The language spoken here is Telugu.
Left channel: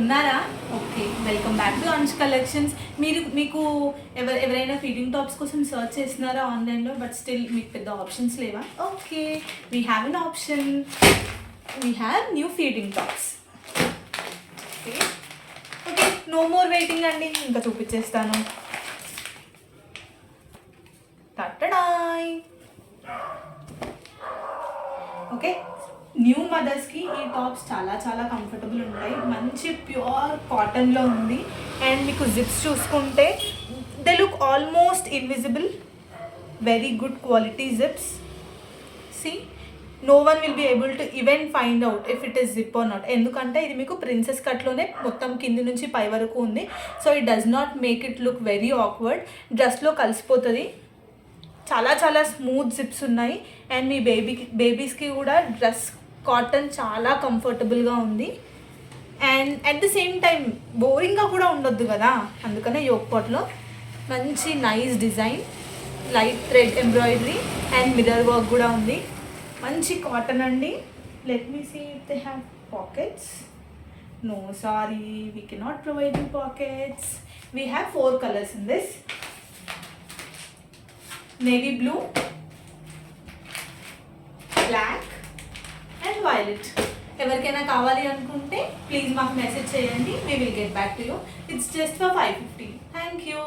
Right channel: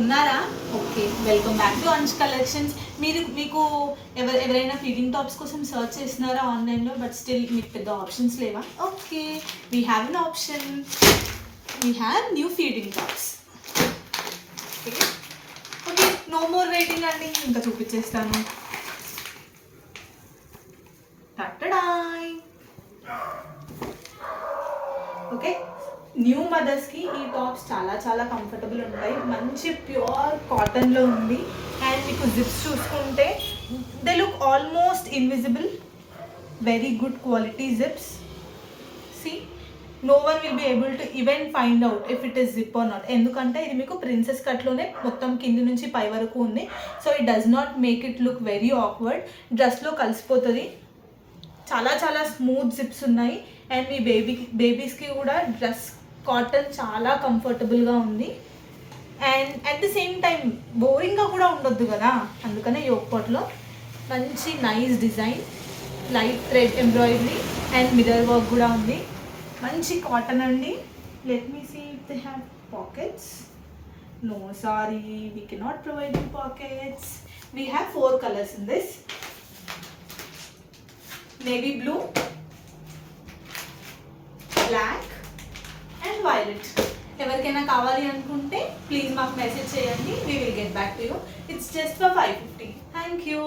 ఉన్నారా? ఓకే, వెల్కమ్ బ్యాక్ టు అంచ్ కలెక్షన్స్. మీకు ఎవరైనా ఫీడింగ్ టాప్స్ కోసం సర్చ్ చేస్తున్నారా ఆన్లైన్లో, బట్ స్టిల్ మీకు పెద్ద ఆప్షన్స్ లేవా? Okay, we have an option. We have new feeding tops. Okay okay, no more waiting అండి, ఇంకా చూపించేస్తాను. టట్టడాయ్. ఓకే, న్యూ మదర్స్కి ఈ టాప్స్ చాలా చాలా కంఫర్టబుల్ ఉంటాయి. మంచి ప్యూర్ కాటన్లో ఉంది. అండ్ మీకు జిప్స్ చూసుకుంటే they look almost invisible. Very good quality zips. See, no one will be able to even find out if it is zip or not. ఎందుకంటే ఇది మీకు ప్రిన్సెస్ కట్లోనే మొత్తం కింది నుంచి పై వరకు ఉంది. So it does not make it look very awkward. డ్రెస్లో కలిసిపోతుంది. చాలా చాలా స్మూత్ జిప్స్ ఉన్నాయి. అండ్ మీ బేబీస్కి కూడా డ్రెస్ కాటన్ చాలా కంఫర్టబుల్గా ఉంది. And at the same time బోరింగ్గా కూడా ఉండొద్దు కదా, అందుకనే యోక్ పాట్లో మంచి nice design, light thread embroidery and mirror work కూడా ఉంది. మంచి కాటన్ అండి. Let me see if they have pockets. No sorry, we cannot provide you pockets. We have 4 colours in this. Navy blue, black and violet. ఎవరికైనా కావాలి అనుకుంటే ప్లీజ్ మాకు మెసేజ్ చేయండి. We will get back to you. It's just for 550. Thank you.